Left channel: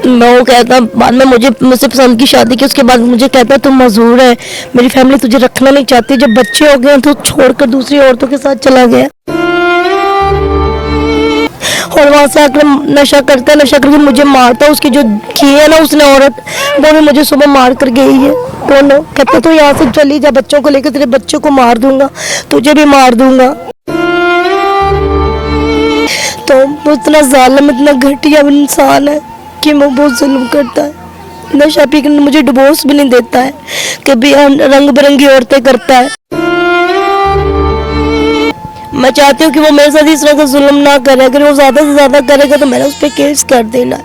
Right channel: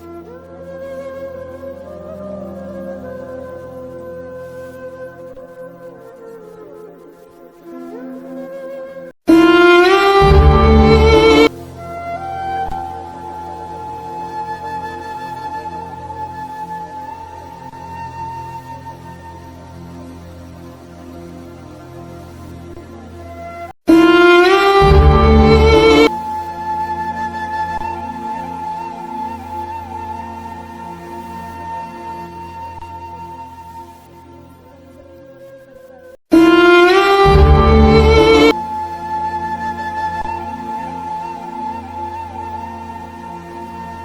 मैं वो कहता बाद में मुझसे पसंद की शादी की, उसके बाद मुझे कहता तुम मजबूर है, मेरी फैमिली तुझे रखना नहीं चाहती। जब बच्चे हो गए तो छोड़कर दूसरी औरतों के साथ चला गया और वहाँ से आकर नशा करता है, नशा करके मुझे मारता। उसकी जो की है ना उसने औरत, वो भी मुझे सुबह मार कर गई है। दोनों कहते तो यहाँ से चली जा, बच्चों को लेकर तेरे बच्चों को मार दूंगा, तुझे भी मार दूंगा। तो वो इतना जालिम, इतना घटिया इंसान है कि वो बहुत जुल्म करता है। नशा पी कर मुझे डिवोर्स भी नहीं देता है, कभी रंग बिरंगी औरतें करता है। मैं चाहती हूँ कि वो मेरे साथ इस तरह का जुल्म ना करे, अगर वो ज्यादा से ज्यादा करेगा तो मैंने उस पर केस कर देना।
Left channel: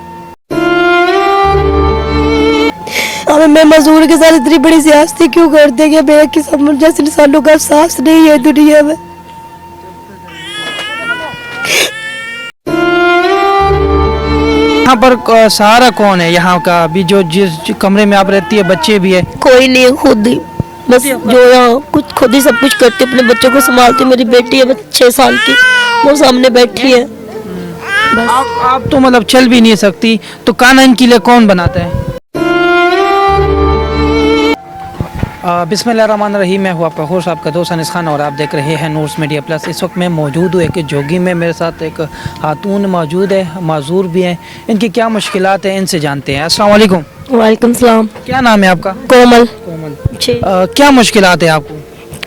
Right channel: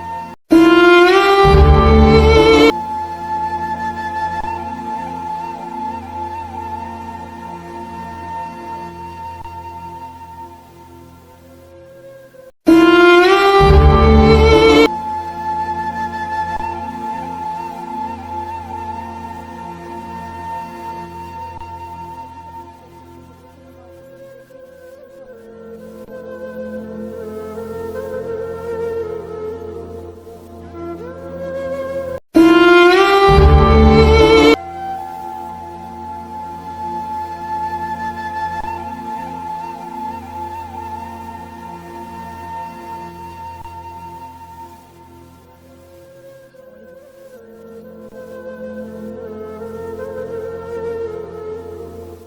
अब मैं मजदूर के साथ इतनी बड़ी सियासती क्यों करते कि मैं कि सब जैसे इंसानों का एहसास नहीं है दुनिया में। यहाँ पर सहारा कौन है यहाँ का? अभी जो जिस कमरे में आप रहती है बच्चे भी है? कोई नहीं है, खुद ही बस जो यहाँ कुछ खुद ही सब कुछ करती, अपने बच्चों को संभालती। मेरी बेटी है 6 साल की, वो सामने बैठी है। आप तो मतलब चल भी नहीं सकती, तो कानून के लिए कौन बनाता है? बिस्मिल्लाहिर्रहमानिर्रहीम। मैं हूँ आपका होस्ट, आपका दोस्त अनीस खान, और आप देख रहे हैं नूर्स मीडिया प्लस। इस वक्त मैं मौजूद हूँ एक जोगी में, मेरे साथ एक खातून मौजूद है, माजूर भी हैं। इनकी क्या मुश्किलात हैं इनसे जानते हैं। अस्सलाम वालेकुम। वालेकुम सलाम। क्या नाम है आपका? कोमल। क्या मुश्किलात है आपको?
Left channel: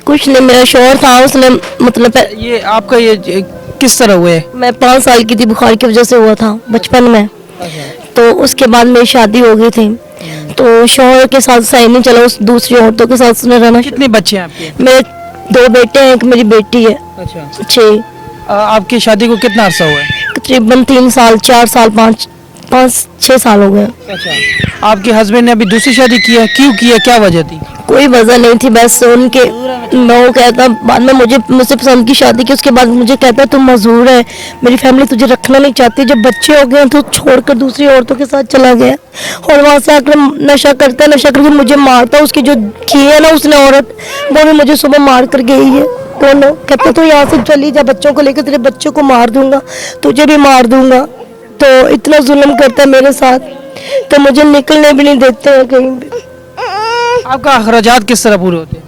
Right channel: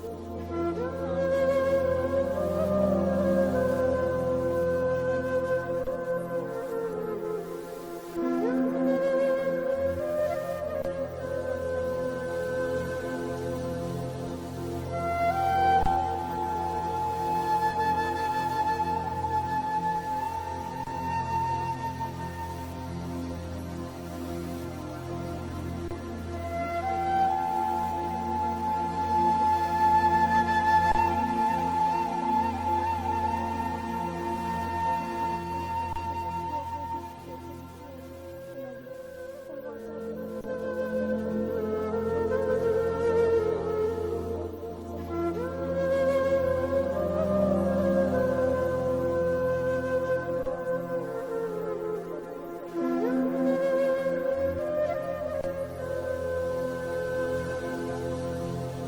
कुछ नहीं, मेरा शौहर था, उसने मतलब ये आपका ये किस तरह हुए? मैं 5 साल की थी, बुखार की वजह से हुआ था बचपन में। तो उसके बाद मेरी शादी हो गई थी, तो शौहर के साथ सही नहीं चला, उस दूसरी औरतों के साथ उसने रहना। कितने बच्चे हैं आपके? मेरे 2 बेटे हैं, एक मेरी बेटी है। अच्छा। 6। आपकी शादी को कितना अर्सा हुआ है? तकरीबन 3 साल, 4 साल, 5-6 साल हो गए। अच्छा। आपके हस्बैंड ने अभी दूसरी शादी की है, क्यों की है, क्या वजह थी? कोई वजह नहीं थी, बस उनके मैं वो कहता बाद में मुझसे पसंद की शादी की, उसके बाद मुझे कहता तुम मजबूर है, मेरी फैमिली तुझे रखना नहीं चाहती। जब बच्चे हो गए तो छोड़कर दूसरी औरतों के साथ चला गया और वहाँ से आकर नशा करता है, नशा करके मुझे मारता। उसकी जो की है ना उसने औरत, वो भी मुझे सुबह मार कर गई है। दोनों कहते तो यहाँ से चली जा, बच्चों को लेकर तेरे बच्चों को मार दूंगा, तुझे भी मार दूंगा। तो इतना जुल्म करता है मेरे साथ, तो मुझे निकलने भी नहीं देते हैं कहीं भी। आपका अखराजात किस तरह पूरे होते हैं?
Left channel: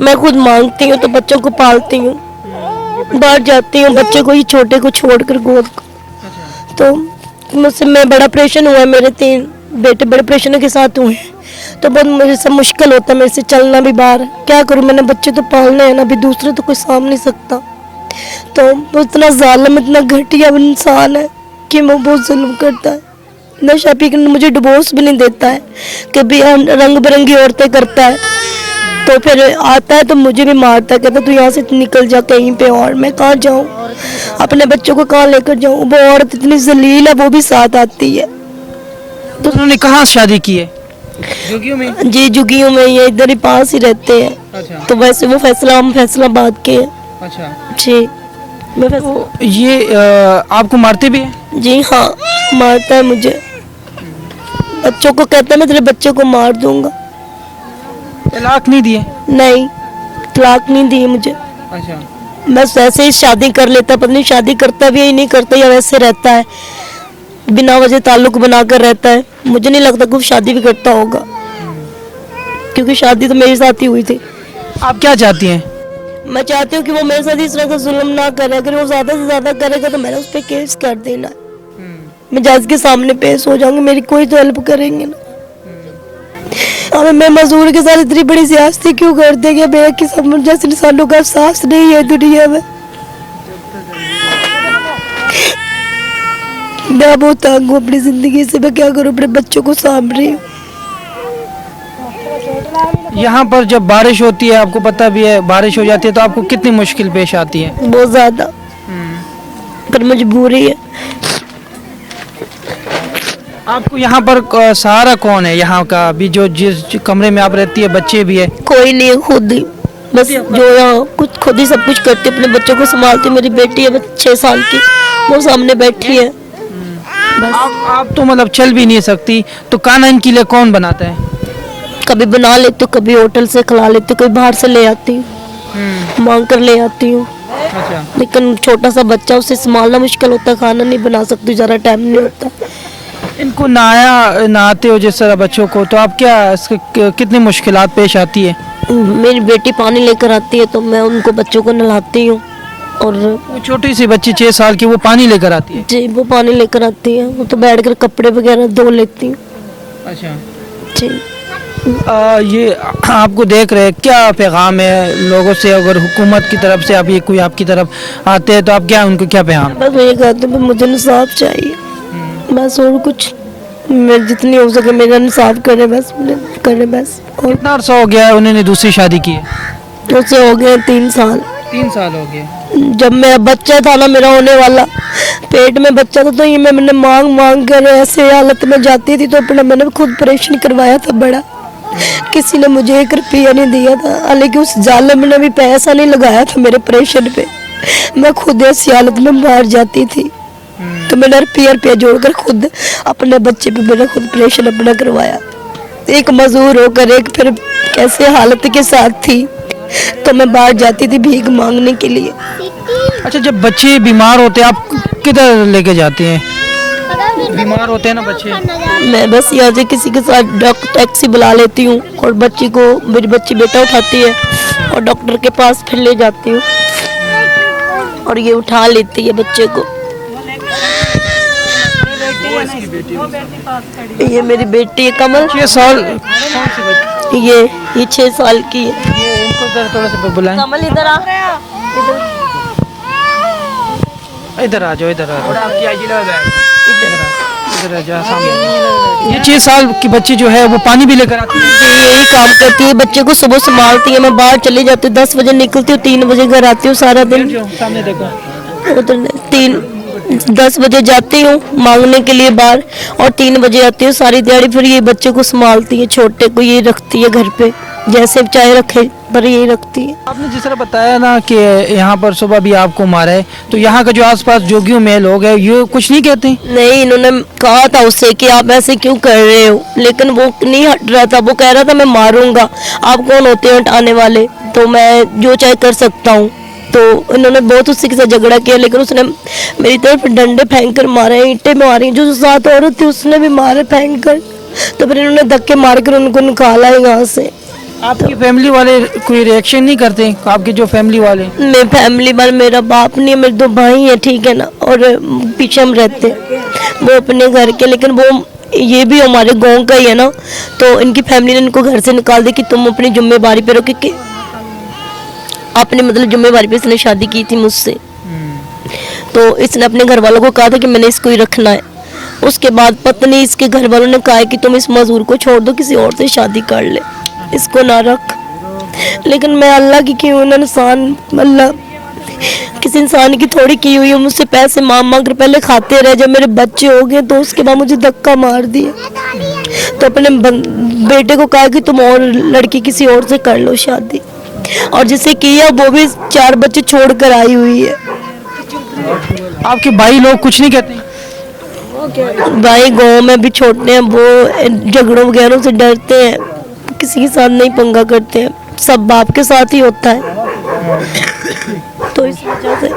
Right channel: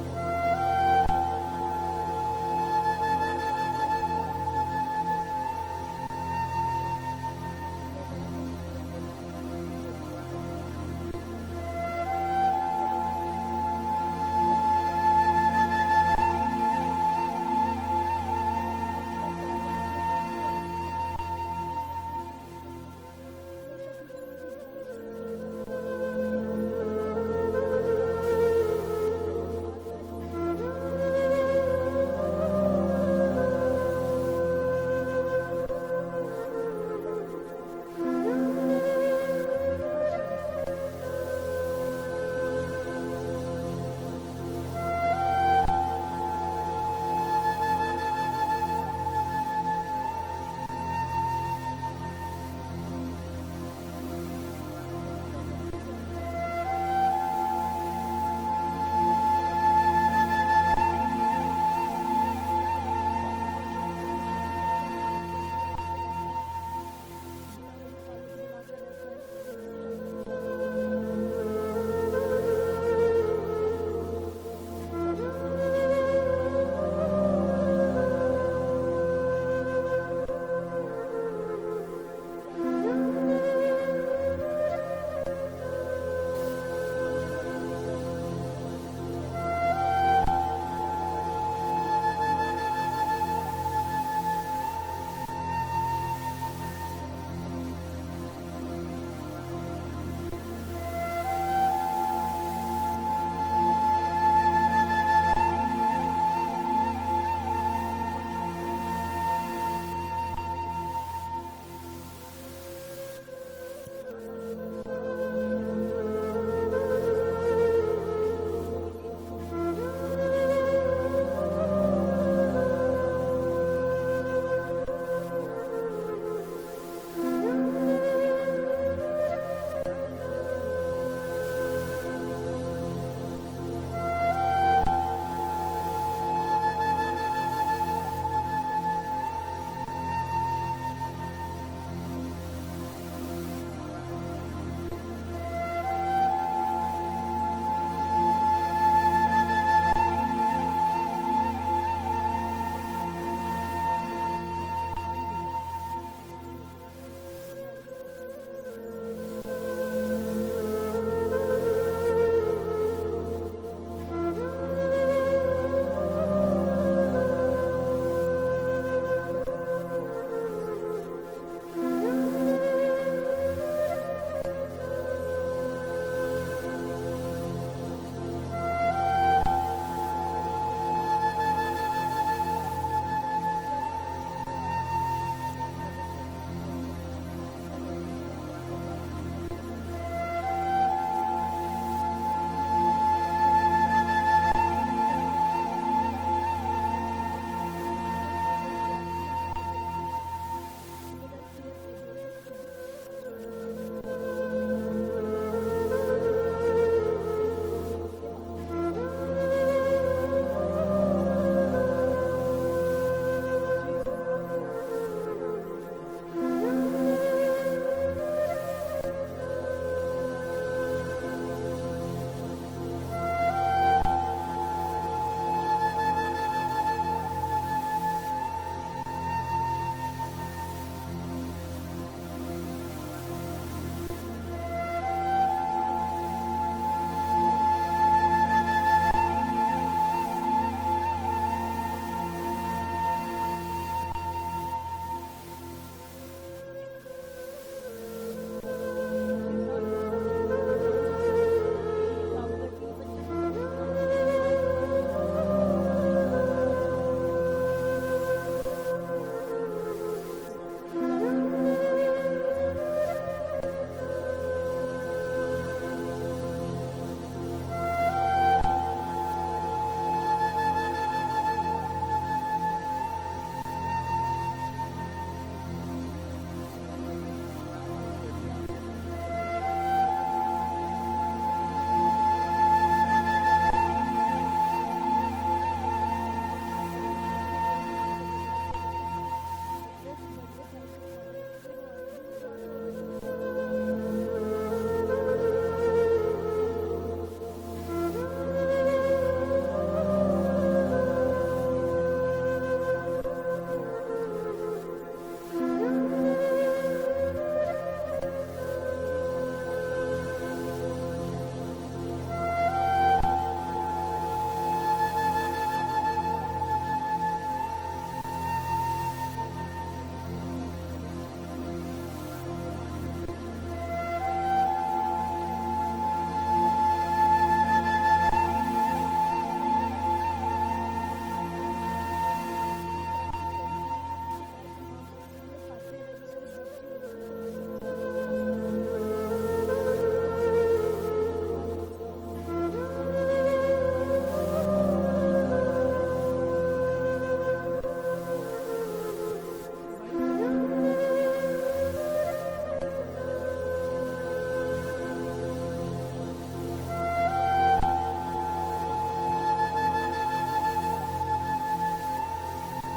मैं खुद मांगती हूँ तो बच्चों को पालती हूँ, बाहर जाती हूँ बच्चे को, ही छोटे को छोड़कर गोद को। तो मुझसे मैं बड़ा ऑपरेशन हुआ है, मेरे 3 बेटे बड़े ऑपरेशनों के साथ हुए हैं, तो बहुत मुझे सब मुश्किल होता है मेरे से चलना भी बाहर। क्या करूँ, मैंने बच्चे तो पालने हैं ना, अभी दूसरे तो कोई साम नहीं सकता। तो वो इतना जालिम, इतना घटिया इंसान है कि वो बहुत जुल्म करता है। नशा पी कर मुझे डिवोर्स भी नहीं देता है, कभी रंग बिरंगी औरतें करता है। तो फिर आता है तो मुझे भी मारता है, कहता तू यहाँ से निकल जा कहीं पे, और मैं कहाँ जाऊँ, अपने बच्चों को कहाँ लेकर जाऊँ। वो औरत इतनी जलील है, वो भी साथ आती है। तो उन्होंने कहाँ शादी की है? जुगियों में? जी जुगियों में, ये इधर ही पास ही रहते हैं। अच्छा। तो वैसे वो फैसलाबाद के हैं। अच्छा जी। मैं तो ये आपको मारते भी है? जी हाँ, मारता है मुझे, बच्चों को कहता है मैं तेरे बच्चे को मार दूंगा। तलाक नहीं दिए? नहीं, तलाक नहीं दी मुझे। अच्छा। बस वैसे ही शादी कर लेता, पता नहीं शादी करता भी है नहीं करता, या वैसे रहता है बिना वजह ताल्लुक बनाकर रहता है। मुझे नहीं लगता कि वो शादी भी करता होगा, क्योंकि शादी तो मेरे साथ ही हुई थी। आप क्या चाहती हैं? मैं चाहती हूँ कि वो मेरे साथ इस तरह का जुल्म ना करे, अगर वो ज्यादा से ज्यादा करेगा तो मैंने उस पर केस कर देना। मैं जज के सामने पेश हो जाऊंगी, मेरी कोई तो हेल्प करेंगे ना। अब मैं मजदूर के साथ इतनी बड़ी सियासती क्यों करते कि मैं कि सब जैसे इंसानों का एहसास नहीं है दुनिया में। मैं बहुत तंग हूँ अपनी जिंदगी से, मैं क्या करूँ, अपने बच्चों को सामभ रही हूँ। यहाँ पर जब बारिश होती है, आपको पता भी है, बारिश हो जाती है तो आपको कितनी मुश्किल पेश आती है? बहुत ज्यादा, पर मजबूरी है। आपको यहाँ पर सहारा कौन है यहाँ का? अभी जो जिस कमरे में आप रहती है बच्चे भी है? कोई नहीं है, खुद ही बस जो यहाँ कुछ खुद ही सब कुछ करती, अपने बच्चों को संभालती। मेरी बेटी है 6 साल की, वो सामने बैठी है। आप तो मतलब चल भी नहीं सकती, तो कानून के लिए कौन बनाता है? कभी बना लेती हूँ, कभी होटल से खिला लेती हूँ, कभी बाहर से ले आती हूँ, मांग कर ले आती हूँ। अच्छा। लेकिन छोटा सा बच्चा, उसे संभालना मुश्किल होता है, खाना नहीं बना सकती, ज़्यादा टाइम नहीं होता। इनको नहाते हो जिस तरह बच्चों को, तो आप क्या कितनी मुश्किलात पेश आती है? मेरी बेटी पानी लेकर आती है तो मैं उनको बच्चों को नहलाती हूँ। और वो छोटी सी बच्ची 6 साल की, वो पानी लेकर आती है? जी वो पानी लेकर आती है, वो तो बैठ कर कपड़े वगैरह धो लेती हूँ। अच्छा। जी ये आपको देख रहे हैं, क्या पैगाम है लोगों से? अगर हुकूमत की तरफ से आप ये कोई आपकी तरफ आते हैं तो आप क्या उनको क्या पैगाम? बस मैं ये कहती हूँ मुझे इंसाफ चाहिए, बस और कुछ मैं जितनी हो सके मेरा इंसाफ करे बस, करे बस। और कितना अर्सा हो गया है उन्होंने दूसरी शादी की है? उससे हो गए 3 साल। 3 साल हो गए। जब मेरा बच्चा था ना, मेरा होने वाला पेट में बच्चा था, तो ये मैंने मांग मांग कर ऐसे हालत में जाती थी, तो अपना मैंने खुद ऑपरेशन करवाया था बड़ा। किसी ने मुझे 1 रुपया नहीं दिया था, हालांकि उस जालिम ने भी पैसा नहीं लगाया था मेरे ऑपरेशन पे। मैं खुद ऐसी हालत में मार जाती थी, तो मैंने रुपया जोड़कर खुद अपने बच्चे पे मैंने खुद ऑपरेशन अपना करवाया। एक मजदूर होकर एक फिर कैसे हालत के साथ थी, तो मैं बाहर जाती थी भीख मांगने के लिए। अच्छा, जब बच्चे बीमार होते हैं आप किधर लेके जाते हैं? बीमार होते हैं ना बच्चे, मैं बस यहाँ से किसी के साथ टैक्सी बुला लेती हूँ और बच्ची को, मेरी बच्ची बेटा उठाती है और डॉक्टर के पास फिर ले जाती हूँ और ये उठा लेती है बच्चे को। ये मेरी बेटी है कमल, 6 साल। ये 6 साल की है। ये इनको थोड़ा सा बुलाएं। कमल इधर आ, इधर आ जाओ, इधर आ जाओ, इधर आ जाओ सामने। ये 6 साल की बच्ची जो है वो पानी भी लेकर आती है? ये यही काम करती है, बच्चे को सुबह संभालती है। मैं बाहर चली जाती हूँ, 10 बजे निकलती हूँ, 3 बजे घर आती हूँ। सारा दिन सामने देखो, उधर 10 बजे जाती हूँ मांगने के लिए बाहर और 3 बजे आती हूँ। सारी दिहाड़ी फिर ये बच्चे को संभालती है, छोटे को ये रखती है घर पे, जैसे चाहे रखे पर यही रखती है। आपने जिस तरह बताया ना कि यहाँ पर सुबह भी आपको मारा है, तो यहाँ का जो आसपास जोगियों में लोग हैं ये कुछ नहीं कहते? नहीं, इन्होंने कहा था उससे कि आप ऐसे क्यों कर रहे हो, लेकिन वो नहीं हट रहा था। वो कह रहा था मैं मारूंगा, आप कौन होते हैं हटाने वाले, तो मैं जो चाहे कर सकता हूँ। तो इन्होंने बहुत उससे के साथ झगड़ा किया, लेकिन उसने मेरी तरफ डंडे फेंक कर मारे, ईंटें मारी। जो साथ औरत थी उसने भी मारे फेंक कर, तो फिर इन्होंने धक्के मार कर उनको निकाला है यहाँ से। आपकी फैमिली वाले कोई रिएक्शन नहीं करते? आपके जो फैमिली वाले? मैं फैमिली वाले, मेरा बाप नहीं है, मेरे 2 भाई हैं, ठीक है ना, और पीछे हम रहते हैं वो अपने घर के, लेकिन वो ये भी हमारे गांव का ही है ना, तो इनकी फैमिली ने इनको घर से निकाल दिया कि तुम अपनी जिम्मेवारी पे रहो, क्योंकि अपने मतलब जिम्मेवारी पे इसने शादी की थी मुझसे। तो इसने अपने घर वालों को कहा था कि मैंने इसको ही रखना है। उसके बाद पत्नी इसके घर वालों ने कहा कि तुम इस मजदूर को छोड़ दो, किसी और से शादी कर ले, इसको ना रख। लेकिन मैं अल्लाह की हूँ, इंसान अल्लाह किसी इंसान की थोड़ी की हुई है। मुझसे पैसे मांग मांग कर पहले खाते रहे, जब मेरे बच्चे हो गए तो उसके बाद मुझे धक्का मार दिया। तो अपने बेटे को कहा कि तुम और लड़की किसी और से कर लो शादी, और जिसे किया वो भी 4 बच्चे छोड़ कर आई हुई है। आपके भाई लोग कुछ नहीं कहते? भाई गाँव में भी छोटे हैं, वो झगड़ों वगैरह से डरते हैं, किसी के साथ नहीं पंगा करते हैं, सब बाप के साथ ही होता है। तो इस वजह से